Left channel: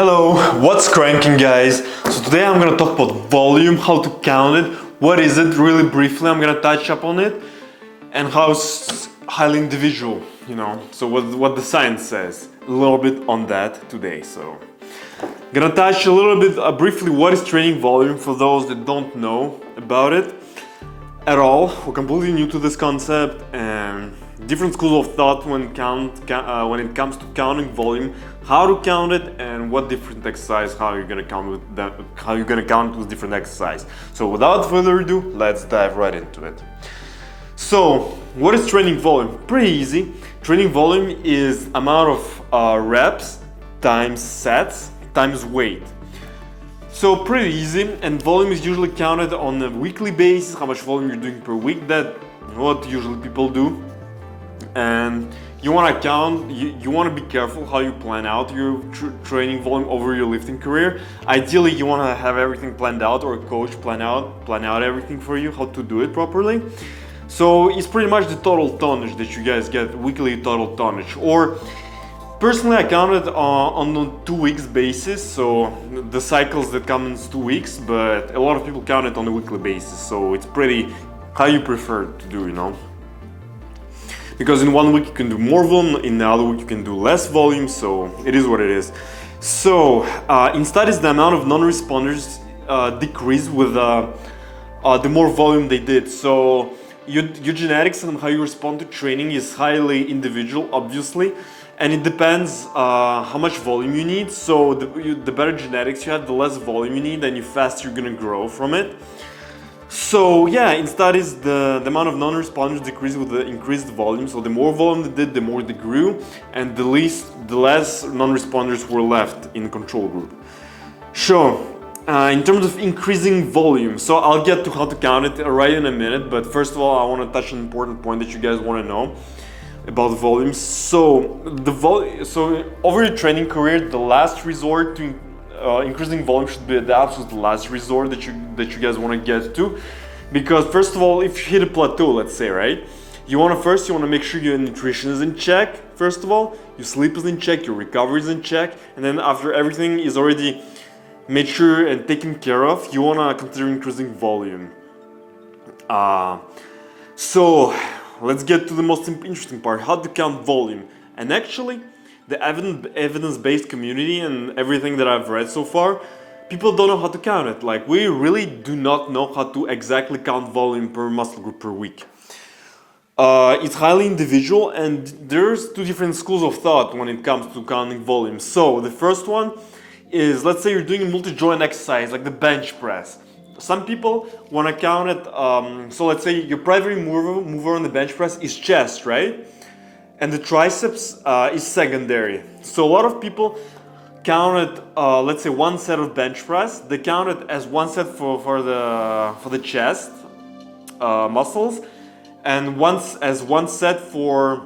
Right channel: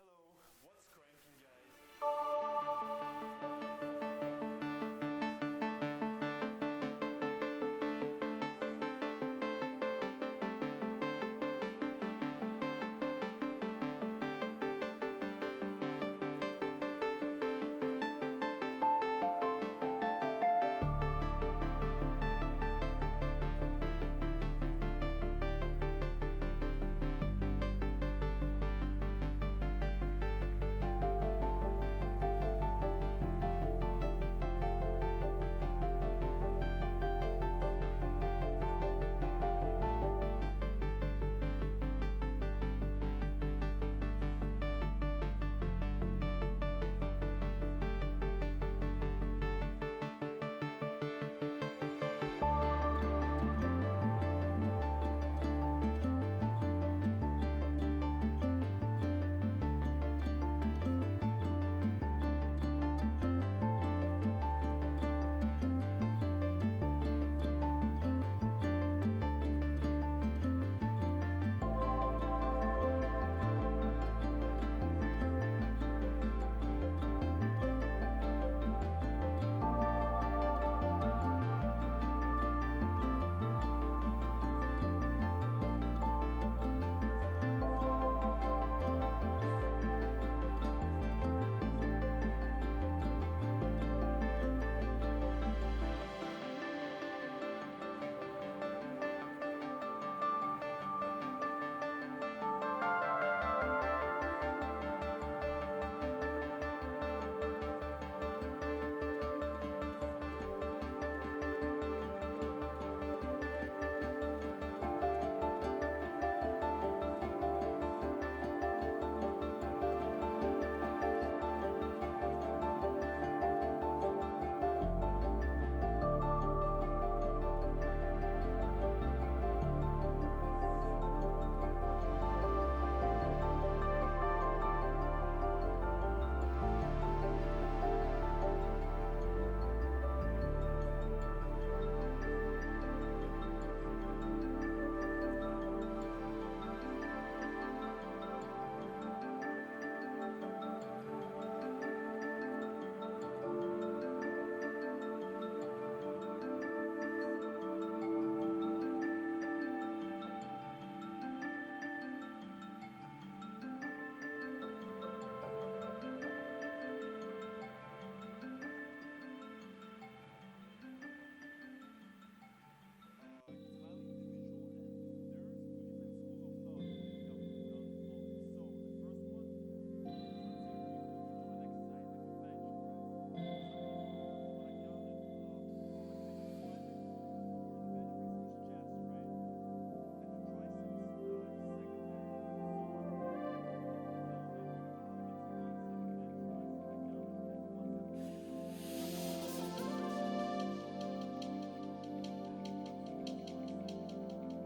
Hello, what's cranking guys? So today I'm gonna talk about volume, how to count it, what is it really briefly, I'm gonna touch up on it, and how it's highly individual, so what the science says, a little bit on that today. So gonna touch a little bit briefly what is training volume for those that don't know about it at all. We're completely new to this concept and different schools of thought when it comes to counting volume, how to count it, and what different exercise, how you're gonna count with different exercise. So without further ado, let's dive right into it. So what is training volume? Pretty easy. Training volume is amount of reps times sets times weight. So pretty easy, and volume is usually counted on a weekly basis, how much volume you're doing per week. That's what usually people do. And you want to count, you want to be careful how you plan out your training volume over your lifting career. Ideally, you want to have everything planned out, or a coach plan out everything for you, how to do it properly. So it's pretty much the total tonnage that you guys get, weekly total tonnage. Or personally, I count it on a 2 weeks basis, so the cycles that come in 2 weeks, but a lot of people count it on a weekly basis, so it's pretty how you prefer to do, Because in 1 week you can do more volume, in the other week you can do less volume, so it is what it is. So in studies, the amount of non-responders decreased with the more volume they did. So your genetics and how you respond to training is highly individual, obviously, and it depends how much volume you need. So the better genetics you have, the less volume you need, and the faster you're gonna grow from it. So yeah, in studies, the amount of non-responders decreased with the increased volume. So the more volume they did, the more they grew, and the less non-responders were left in the control group. Sure. In terms of increasing volume, so I'll get to how to count it right in a minute, but first of all, I want to touch an important point that you guys want to know about the volume. So over your training career, the last resort to increasing volume should be the absolute last resort that you guys want to get to, because first of all, if you hit a plateau, let's say, right, you want to make sure your nutrition is in check. First of all, your sleep is in check, your recovery is in check, and then after everything is already made sure and taken care of, you want to consider increasing volume. So let's get to the most interesting part: how to count volume. And actually, the evidence-based community and everything that I've read so far, people don't know how to count it. Like, we really do not know how to exactly count volume per muscle group per week. It's highly individual, and there's two different schools of thought when it comes to counting volume. So the first one is, let's say you're doing a multi-joint exercise like the bench press. Some people want to count it, so let's say your primary mover on the bench press is chest, right? And the triceps is secondary. So a lot of people count it, let's say one set of bench press, they count it as one set for the chest muscles, and one set for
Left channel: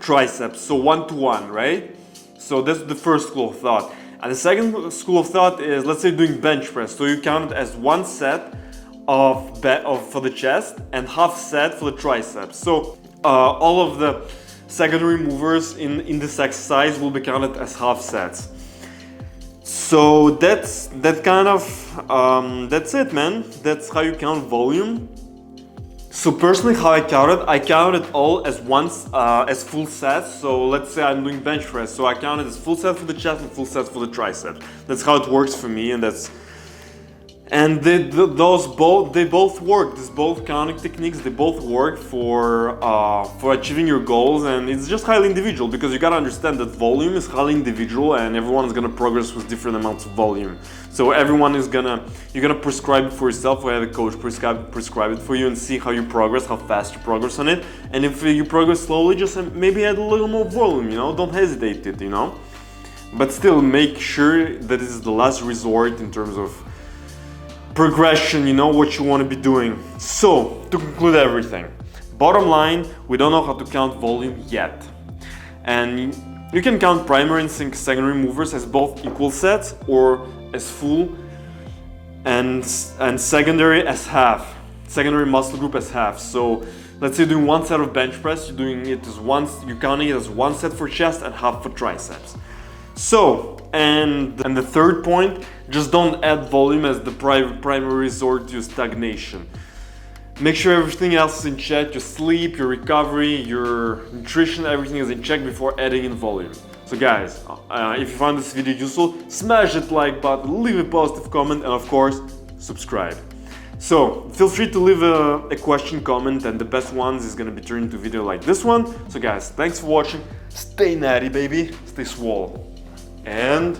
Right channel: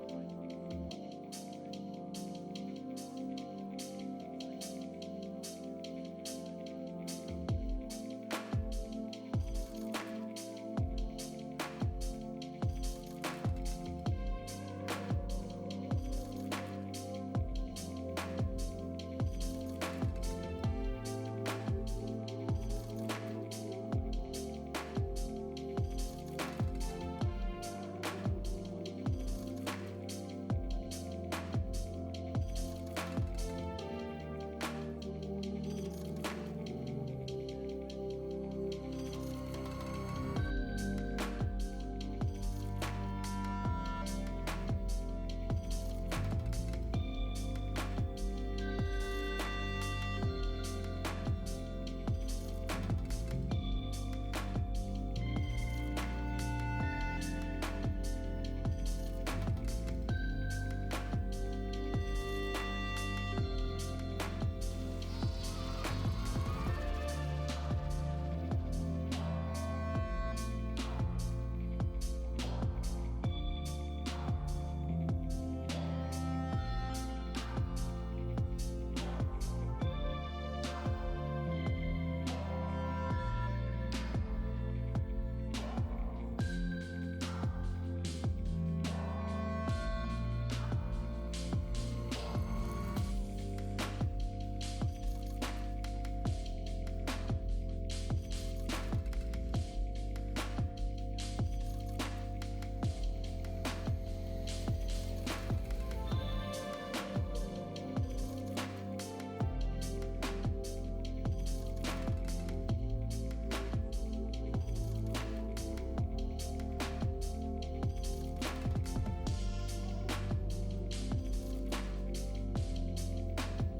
triceps, so 1-to-1, right? So that's the first school of thought. And the second school of thought is, let's say doing bench press, so you count it as one set for the chest and half set for the triceps. So all of the secondary movers in this exercise will be counted as half sets. So that's it, man. That's how you count volume. So personally, how I count it all as full sets. So let's say I'm doing bench press, so I count it as full set for the chest and full set for the triceps. That's how it works for me, and they both work. These both counting techniques, they both work for achieving your goals, and it's just highly individual, because you gotta understand that volume is highly individual, and everyone is gonna progress with different amounts of volume. So you're gonna prescribe it for yourself, or have a coach prescribe it for you, and see how you progress, how fast you progress on it. And if you progress slowly, just maybe add a little more volume. Don't hesitate it. But still, make sure that this is the last resort in terms of progression, what you want to be doing. So to conclude everything, bottom line, we don't know how to count volume yet, and you can count primary and secondary movers as both equal sets or as full, and secondary as half, secondary muscle group as half. So let's say you're doing one set of bench press, you're counting it as one set for chest and half for triceps. So And the third point, just don't add volume as the primary resort to stagnation. Make sure everything else is in check, your sleep, your recovery, your nutrition, everything is in check before adding in volume. So guys, if you found this video useful, smash that like button, leave a positive comment, and of course, subscribe. So feel free to leave a question, comment, and the best ones is gonna be turned into a video like this one. So guys, thanks for watching, stay natty baby, stay swole, and